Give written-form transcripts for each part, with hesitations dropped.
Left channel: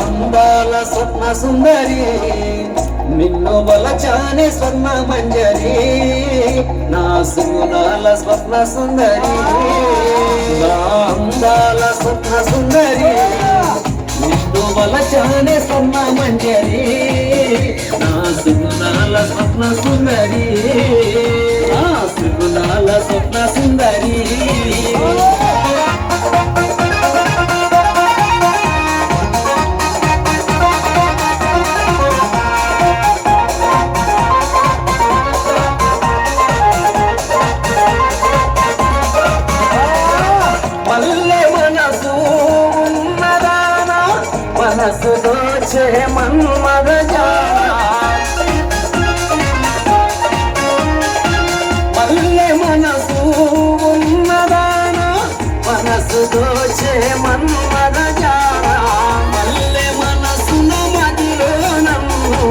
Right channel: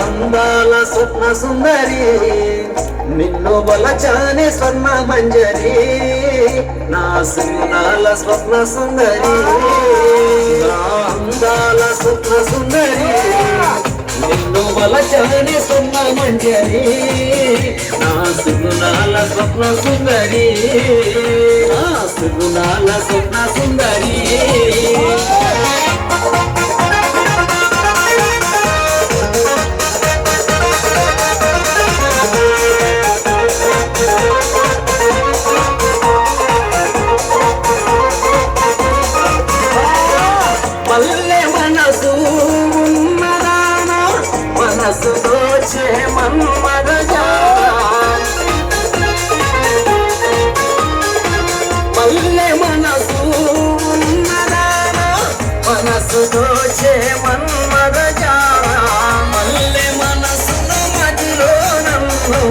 అందాల స్వప్న సుందరి నిన్ను బలచానే స్వర్ణ మంజరి నా సుగుణాల స్వప్న సుందరి అందాల స్వప్న సుందరి నిన్ను బలచానే స్వర్ణ మంజరి నా సుగుణాల స్వప్న సుందరి నా సుగుణాల స్వప్న సుందరి మనసు దోచే మన్మద మల్లె మనసు ఉన్నదానా మనసు దోచే మన్మద మల్లె మనసును మదిలో నన్ను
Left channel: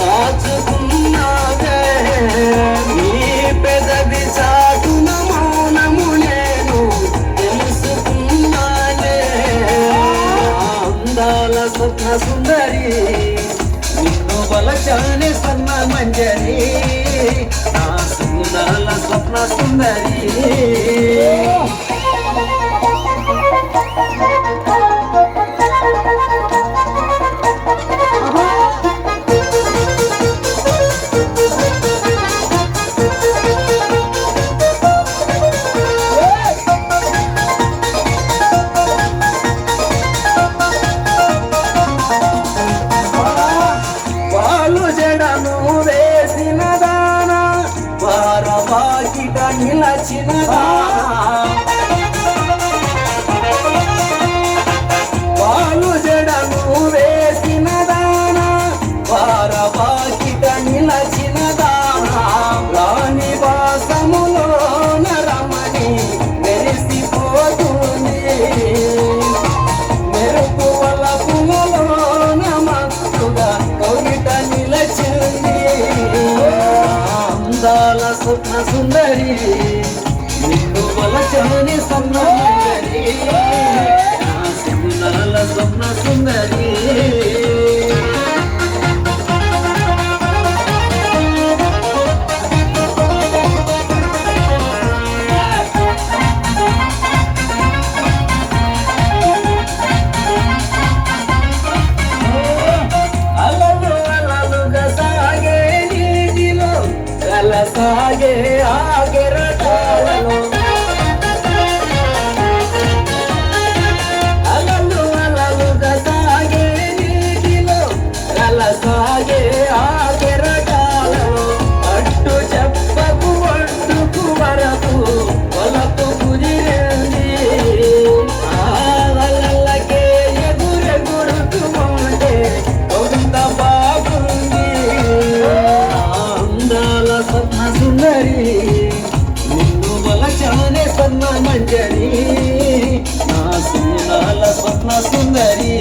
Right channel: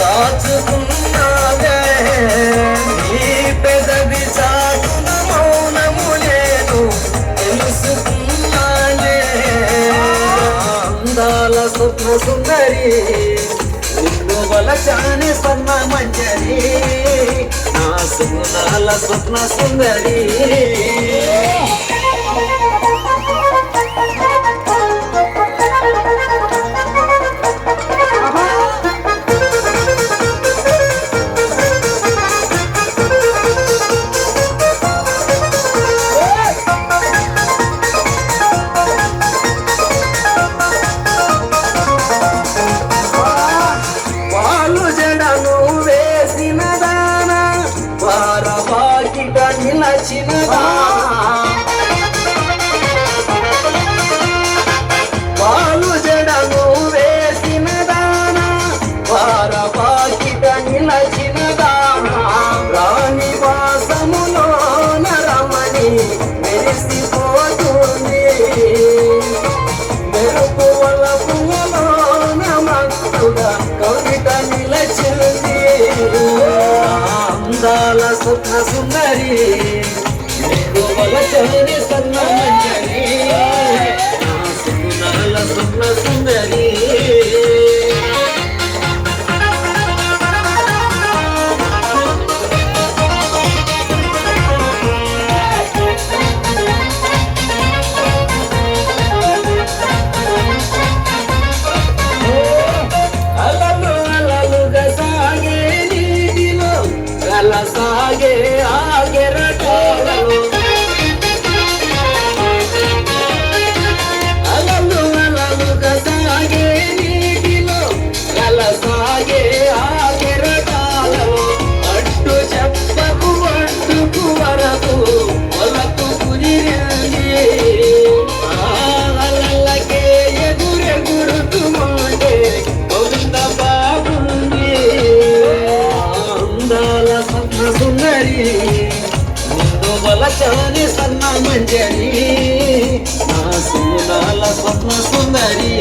దాచుకున్నావే నీ పెదవి చాటున మౌనము నేను తెలుసుకున్నానే అందాల స్వప్న సుందరి నిన్ను బలచాని స్వర్ణ మంజరి నా సుగుణాల స్వప్న సుందరి నిలచిన వాలు జడను వేసిన దానా వారవాకిట నిలచిన దానా రాణి వాసములో నరమణి మెరిసిపోతుంది మెరుపు వలపులలో నమక్కుగా కవిత నిలచింది అందాల స్వప్న సుందరి నిన్ను బలచాని స్వర్ణ మంజరి నా సుగుణాల స్వప్న సుందరి సాగే ఆగెరటోలలో అలలు అలలుగా సాగే నీటిలో అల సాగే ఆగెరటాలలో అడ్డు చెప్పకు అడ్డుకు వరకు వలకు కుదిరింది అలలకే ఎగురెగురుతుమంటే కొంత బాగుంది అందాల స్వప్న సుందరి నిన్ను బలచాని స్వర్ణ మంజరి నా సుగుణాల స్వప్న సుందరి